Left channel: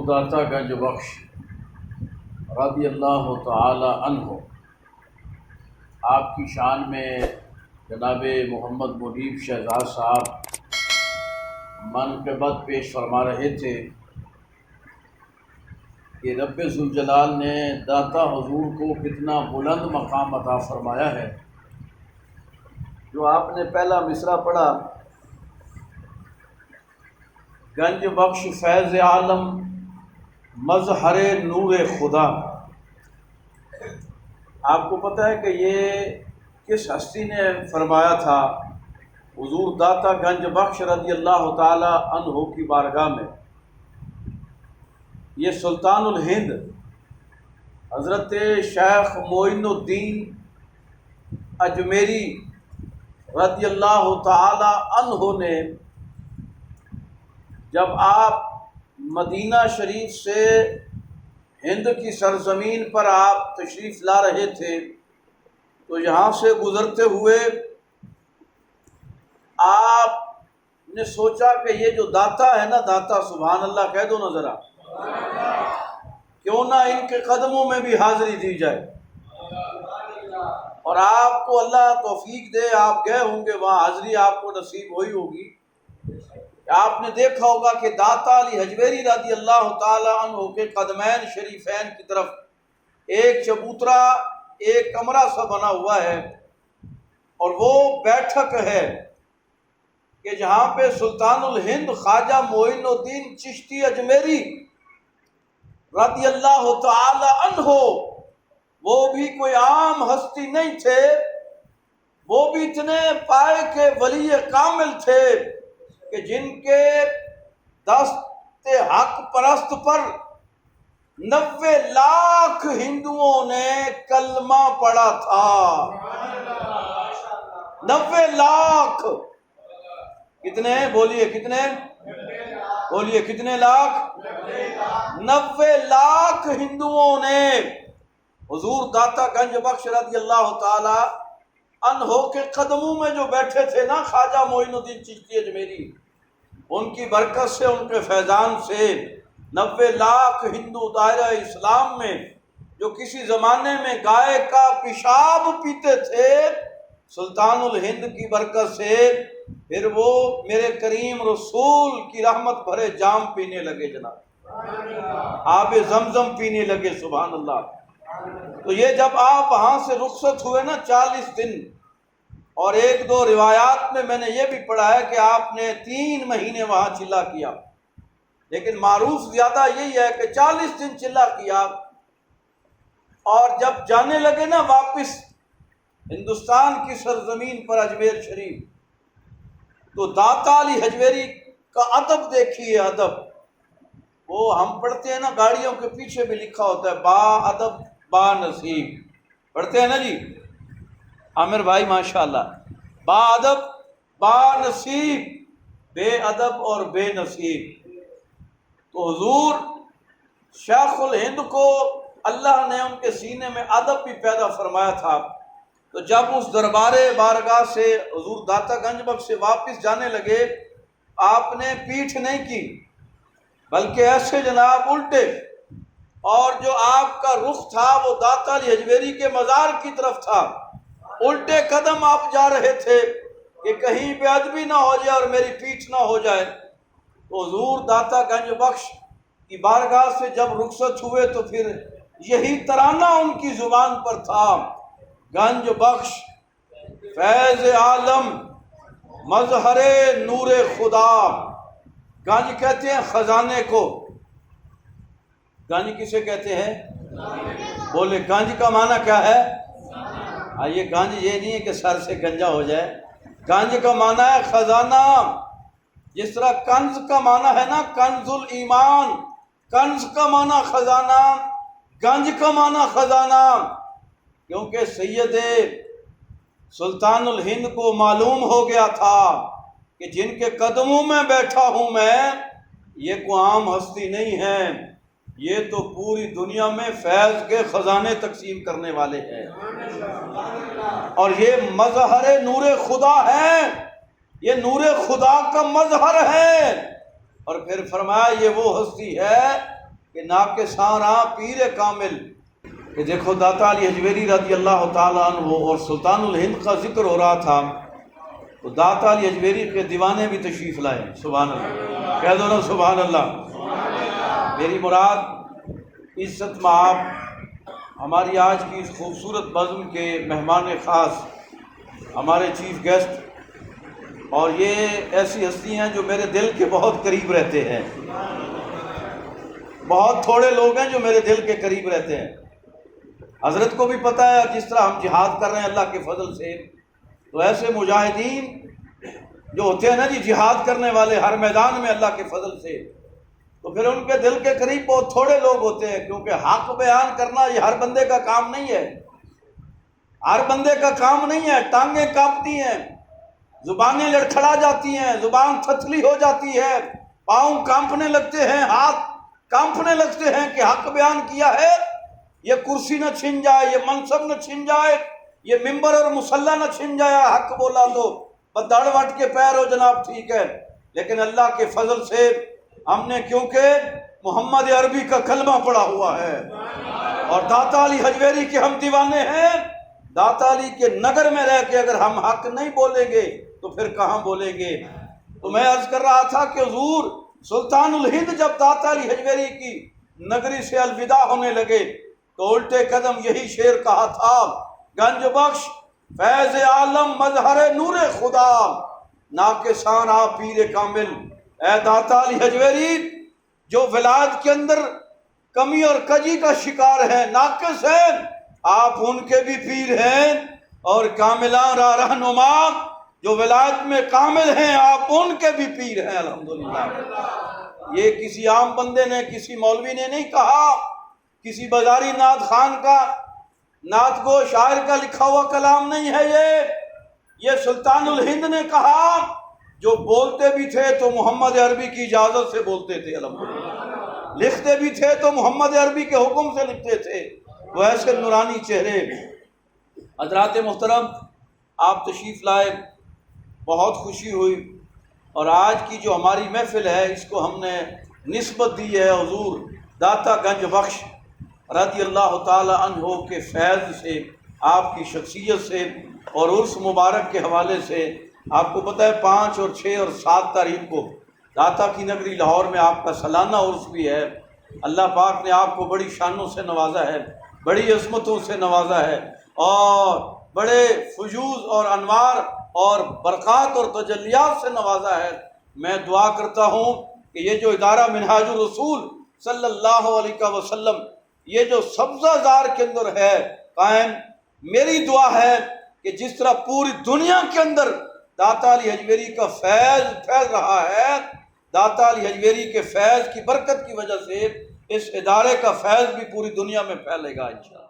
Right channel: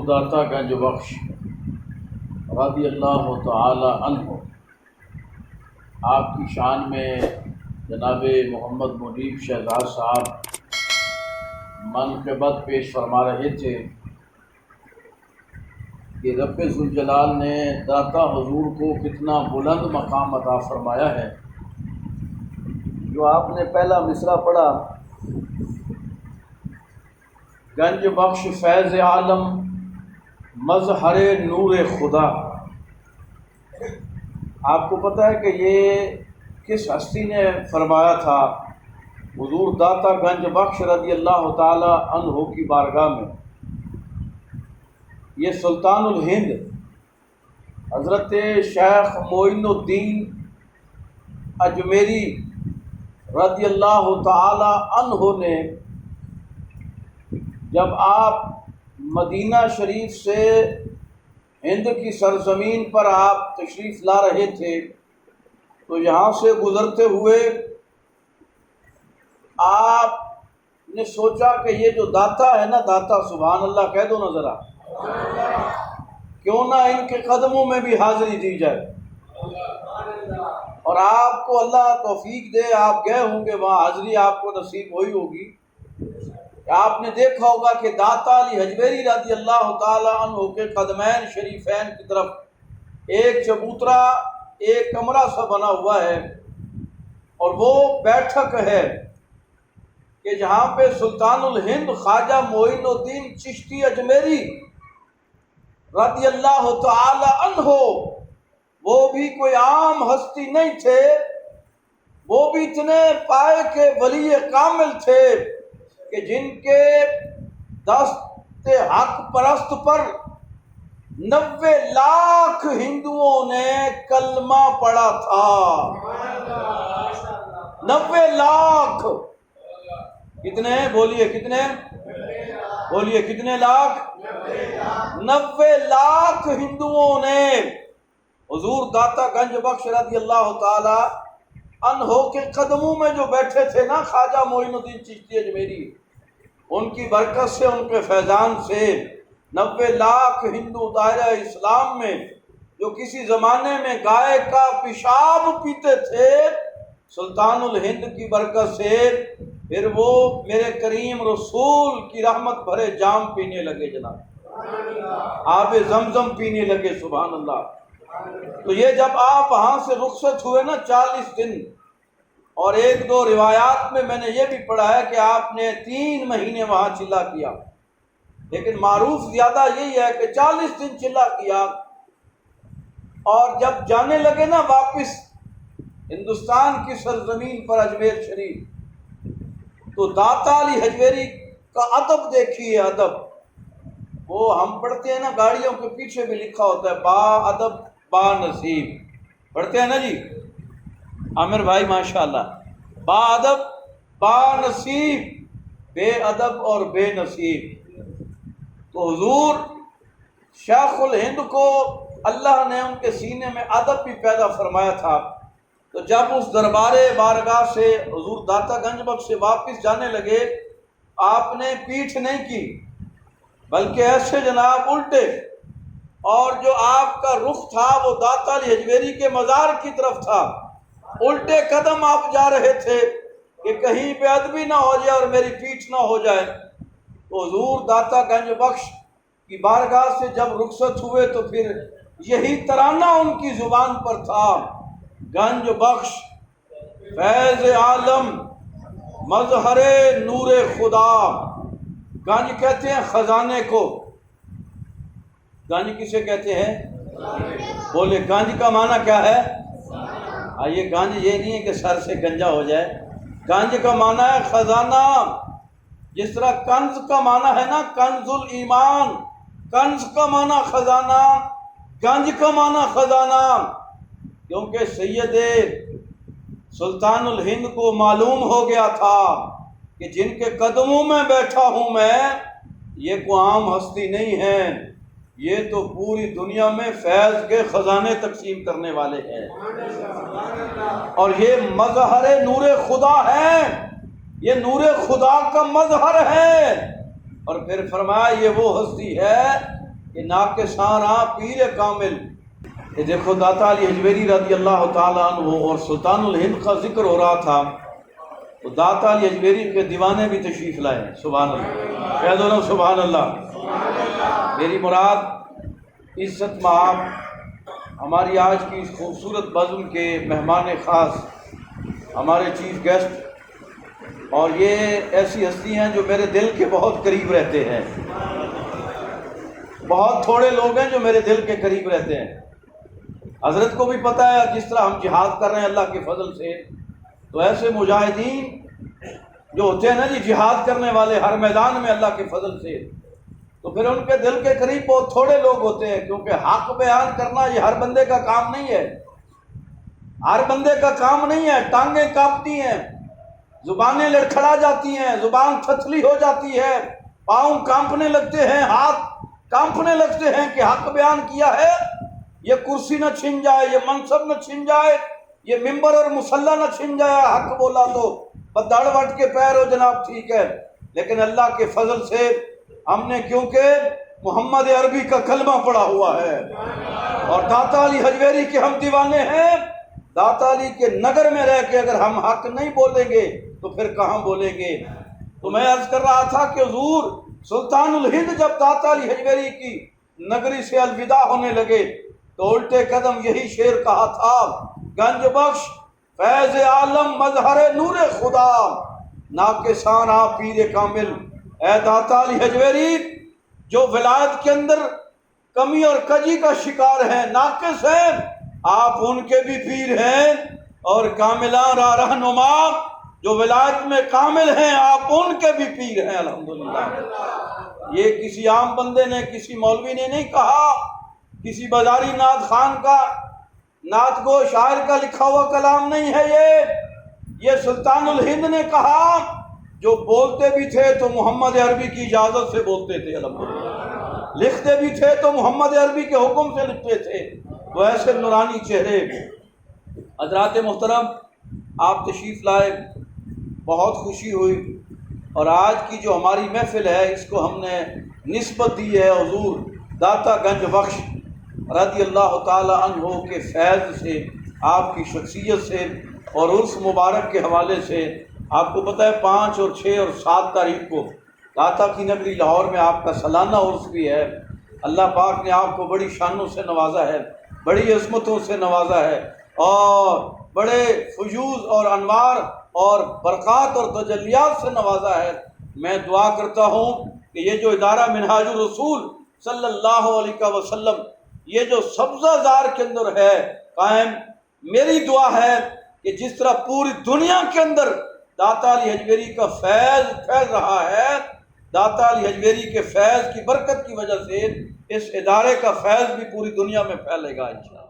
حضور داتا گنج بخش رضی اللہ تعالی عنہ آپ کی شان میں جناب محمد منیب شہزاد صاحب منقبت پیش فرما رہے تھے کہ رب ذوالجلال نے داتا حضور کو کتنا بلند مقام عطا فرمایا ہے۔ جو آپ نے پہلا مصرع پڑھا، گنج بخش فیض عالم مظہر نور خدا، آپ کو پتہ ہے کہ یہ کس ہستی نے فرمایا تھا؟ حضور داتا گنج بخش رضی اللہ تعالی عنہ کی بارگاہ میں یہ سلطان الہند حضرت شیخ معین الدین اجمیری رضی اللہ تعالی عنہ نے جب آپ مدینہ شریف سے ہند کی سرزمین پر آپ تشریف لا رہے تھے تو یہاں سے گزرتے ہوئے آپ نے سوچا کہ یہ جو داتا ہے نا، داتا، سبحان اللہ کہہ دو نا ذرا، کیوں نہ ان کے قدموں میں بھی حاضری دی جائے۔ اور آپ کو اللہ توفیق دے، آپ گئے ہوں گے وہاں، حاضری آپ کو نصیب ہوئی ہوگی۔ آپ نے دیکھا ہوگا کہ داتا علی حجویری رضی اللہ تعالی عنہ کے قدمین شریفین کی طرف ایک چبوترا، ایک کمرہ سا بنا ہوا ہے، اور وہ بیٹھک ہے کہ جہاں پہ سلطان الہند خواجہ معین الدین چشتی اجمیری رضی اللہ تعالی عنہ، وہ بھی کوئی عام ہستی نہیں تھے، وہ بھی اتنے پائے کے ولی کامل تھے کہ جن کے دست حق پرست پر 90 لاکھ ہندوؤں نے کلمہ پڑھا تھا۔ 90 لاکھ، کتنے بولیے، کتنے بولیے، کتنے لاکھ؟ 90 لاکھ ہندوؤں نے حضور داتا گنج بخش رضی اللہ تعالی عنہ کے قدموں میں جو بیٹھے تھے نا، خواجہ معین الدین چشتی اجمیری، ان کی برکت سے، ان کے فیضان سے 90 لاکھ ہندو دائرہ اسلام میں جو کسی زمانے میں گائے کا پیشاب پیتے تھے، سلطان الہند کی برکت سے پھر وہ میرے کریم رسول کی رحمت بھرے جام پینے لگے، جناب آب زمزم پینے لگے، سبحان اللہ۔ تو یہ جب آپ وہاں سے رخصت ہوئے نا 40 دن، اور ایک دو روایات میں نے یہ بھی پڑھا ہے کہ آپ نے 3 مہینے وہاں چلا کیا، لیکن معروف زیادہ یہی ہے کہ 40 دن چلا کیا، اور جب جانے لگے نا واپس ہندوستان کی سرزمین پر اجمیر شریف، تو داتا علی حجویری کا ادب دیکھیے، ادب، وہ ہم پڑھتے ہیں نا گاڑیوں کے پیچھے بھی لکھا ہوتا ہے با ادب با نصیب، پڑھتے ہیں نا جی عامر بھائی، ماشاءاللہ، با ادب با نصیب، بے ادب اور بے نصیب۔ تو حضور شیخ الہند کو اللہ نے ان کے سینے میں ادب بھی پیدا فرمایا تھا، تو جب اس دربار بارگاہ سے حضور داتا گنج بخش سے واپس جانے لگے، آپ نے پیٹھ نہیں کی بلکہ ایسے جناب الٹے، اور جو آپ کا رخ تھا وہ داتا علی حجویری کے مزار کی طرف تھا، الٹے قدم آپ جا رہے تھے کہ کہیں بے ادبی نہ ہو جائے اور میری پیٹھ نہ ہو جائے۔ تو حضور داتا گنج بخش کی بارگاہ سے جب رخصت ہوئے تو پھر یہی ترانہ ان کی زبان پر تھا، گنج بخش فیض عالم مظہر نور خدا۔ گنج کہتے ہیں خزانے کو، گنج کسے کہتے ہیں؟ بولے گنج کا معنی کیا ہے؟ یہ گنج یہ نہیں ہے کہ سر سے گنجا ہو جائے، گنج کا معنی ہے خزانہ۔ جس طرح کنز کا معنی ہے نا کنز الایمان، کنز کا معنی خزانہ، گنج کا معنی خزانہ، کیونکہ سید سلطان الہند کو معلوم ہو گیا تھا کہ جن کے قدموں میں بیٹھا ہوں میں، یہ کوئی عام ہستی نہیں ہے، یہ تو پوری دنیا میں فیض کے خزانے تقسیم کرنے والے ہیں، اور یہ مظہر نور خدا ہے، یہ نور خدا کا مظہر ہے۔ اور پھر فرمایا یہ وہ ہستی ہے کہ ناقصانہ پیر کامل، کہ دیکھو داتا علی حجویری رضی اللہ تعالیٰ عنہ اور سلطان الہند کا ذکر ہو رہا تھا، تو داتا علی حجویری کے دیوانے بھی تشریف لائے۔ سبحان اللہ، کہہ دو نا سبحان اللہ۔ میری مراد عزت مآب ہماری آج کی اس خوبصورت بزم کے مہمان خاص، ہمارے چیف گیسٹ، اور یہ ایسی ہستی ہیں جو میرے دل کے بہت قریب رہتے ہیں۔ بہت تھوڑے لوگ ہیں جو میرے دل کے قریب رہتے ہیں۔ حضرت کو بھی پتہ ہے جس طرح ہم جہاد کر رہے ہیں اللہ کے فضل سے، تو ایسے مجاہدین جو ہوتے ہیں نا جی، جہاد کرنے والے ہر میدان میں اللہ کے فضل سے، تو پھر ان کے دل کے قریب بہت تھوڑے لوگ ہوتے ہیں، کیونکہ حق بیان کرنا یہ ہر بندے کا کام نہیں ہے، ہر بندے کا کام نہیں ہے۔ ٹانگیں کانپتی ہیں، زبانیں لڑکھڑا جاتی ہیں، زبان تھتلی ہو جاتی ہے، پاؤں کانپنے لگتے ہیں، ہاتھ کانپنے لگتے ہیں کہ حق بیان کیا ہے، یہ کرسی نہ چھن جائے، یہ منصب نہ چھن جائے، یہ ممبر اور مصلی نہ چھن جائے، حق بولا تو بدڑ وٹ کے پیر ہو جناب، ٹھیک ہے۔ لیکن اللہ کے فضل سے ہم نے، کیونکہ محمد عربی کا کلمہ پڑھا ہوا ہے اور داتا علی حجویری کے ہم دیوانے ہیں، داتا علی کے نگر میں رہ کے اگر ہم حق نہیں بولیں گے تو پھر کہاں بولیں گے؟ تو میں عرض کر رہا تھا کہ حضور سلطان الہند جب داتا علی حجویری کی نگری سے الوداع ہونے لگے تو الٹے قدم یہی شعر کہا تھا، گنج بخش فیض عالم مظہر نور خدا، ناقصانہ پیر کامل۔ اے داتا علی حجویری، جو ولایت کے اندر کمی اور کجی کا شکار ہیں، ناقص ہیں، آپ ان کے بھی پیر ہیں، اور کاملان را رہنما جو ولایت میں کامل ہیں، آپ ان کے بھی پیر ہیں الحمدللہ۔ یہ کسی عام بندے نے، کسی مولوی نے نہیں کہا، کسی بازاری نعت خان کا، نعت گو شاعر کا لکھا ہوا کلام نہیں ہے، یہ سلطان الہند نے کہا، جو بولتے بھی تھے تو محمد عربی کی اجازت سے بولتے تھے الحمدللہ، لکھتے بھی تھے تو محمد عربی کے حکم سے لکھتے تھے۔ وہ ایسے نورانی چہرے۔ حضرات محترم، آپ تشریف لائے، بہت خوشی ہوئی، اور آج کی جو ہماری محفل ہے اس کو ہم نے نسبت دی ہے حضور داتا گنج بخش رضی اللہ تعالی عنہ کے فیض سے، آپ کی شخصیت سے اور عرس مبارک کے حوالے سے۔ آپ کو پتہ ہے 5 اور 6 اور 7 تاریخ کو داتا کی نگری لاہور میں آپ کا سالانہ عرس بھی ہے۔ اللہ پاک نے آپ کو بڑی شانوں سے نوازا ہے، بڑی عظمتوں سے نوازا ہے، اور بڑے فیوض اور انوار اور برکات اور تجلیات سے نوازا ہے۔ میں دعا کرتا ہوں کہ یہ جو ادارہ منہاج الرسول صلی اللہ علیہ وسلم یہ جو سبزہ زار کے اندر ہے قائم، میری دعا ہے کہ جس طرح پوری دنیا کے اندر داتا علی حجویری کا فیض پھیل رہا ہے، داتا علی حجویری کے فیض کی برکت کی وجہ سے اس ادارے کا فیض بھی پوری دنیا میں پھیلے گا انشاءاللہ۔